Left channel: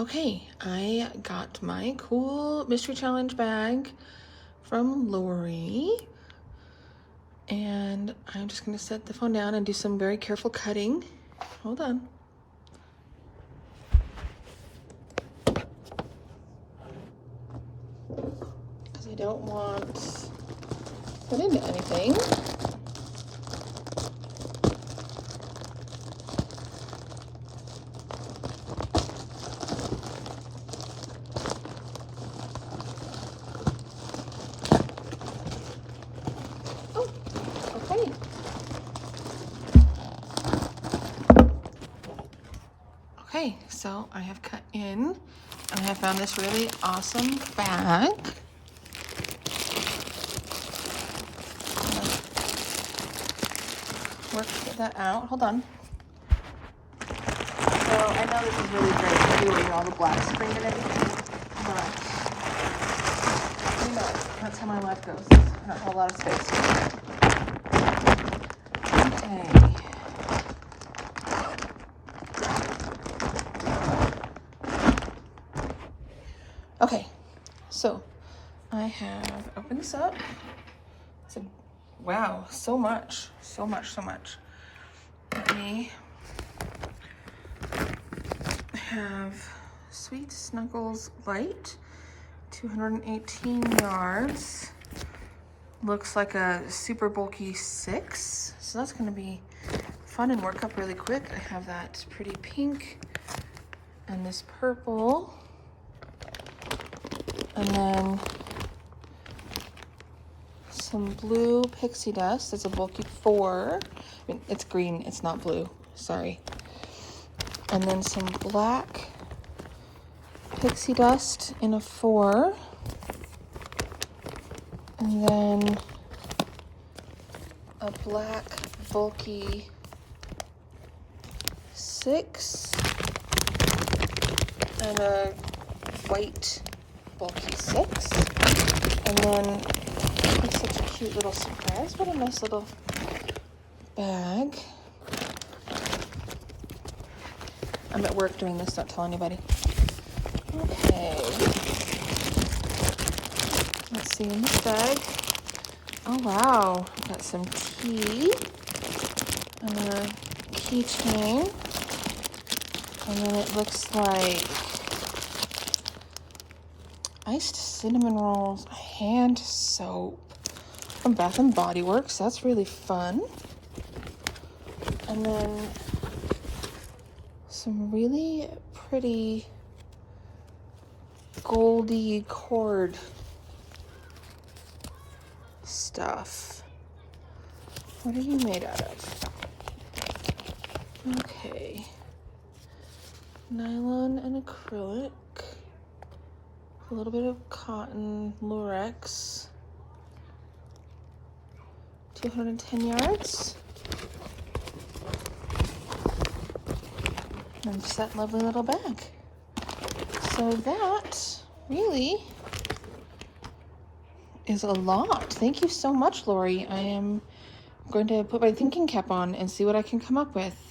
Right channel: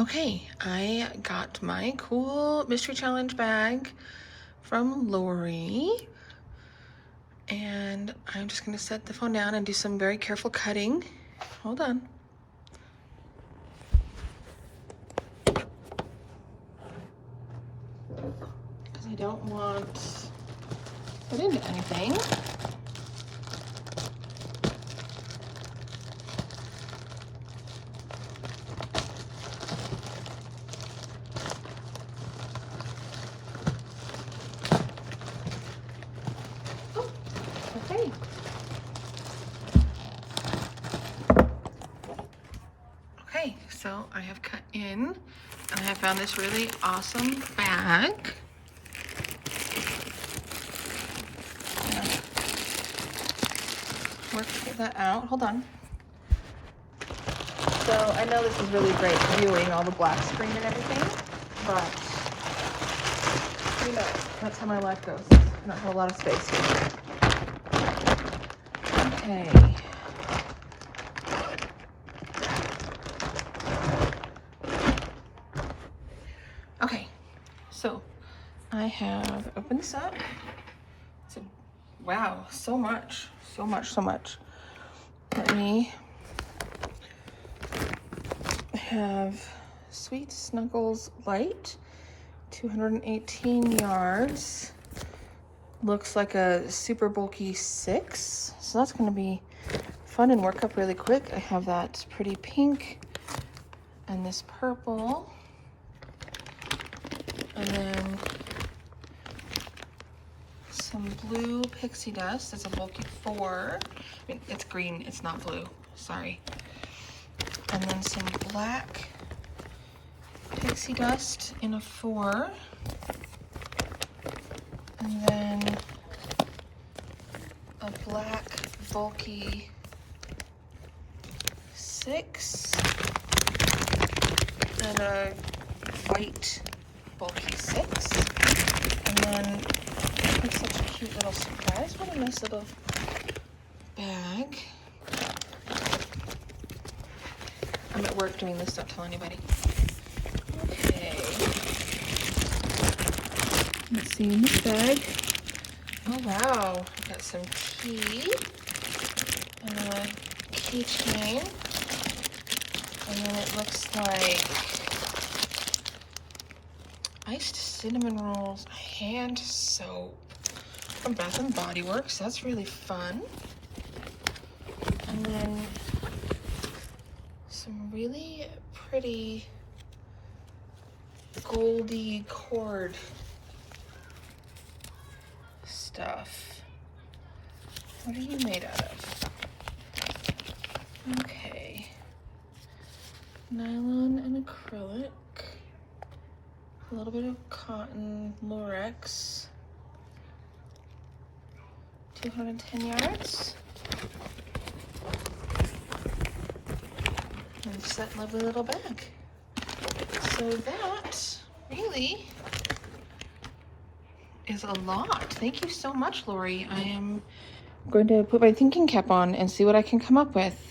Okay, I got my cool mystery challenge bag from Lori, and I'm just gonna set the phone down and do some very careful cutting. Hold on. Because I don't want to put into anything. Okay. Okay, so I have cut in and I have found this really awesome bag. Work to get that out. Hold on. So I know this is really great viewing all the black screen and everything, but you know, that's how my life goes. Not a whole lot of space. Okay. Okay, so I have opened this up. So, wow, so much. Let me have Sweet Snuggles Light, 218 yards. Looks like a super bulky 6. So that's gonna be fun and work up really quick. I have that pretty pink and this purple. And then some blue pixie dust. It's a bulky 4. I mean, it's green, it's not blue, sorry. And then some black pixie dust in a 4. And then a black bulky 6. And a white bulky 6. And then it's such a cute little surprise. What a nice little bag. I'm at work doing this, don't tell anybody. Okay. Let's see in this bag. Oh wow, I've got some tea and a keychain. And then it looks like iced cinnamon rolls, hand soap from Bath & Body Works. That's really fun. And then some really pretty goldy cord stuff. What are you made out of? Okay. Nylon and acrylic. A little bit of cotton Lurex. 210 yards. And it's that lovely little bag. So that really is a lot. Thank you so much, Lori. I am going to put my thinking cap on and see what I can come up with.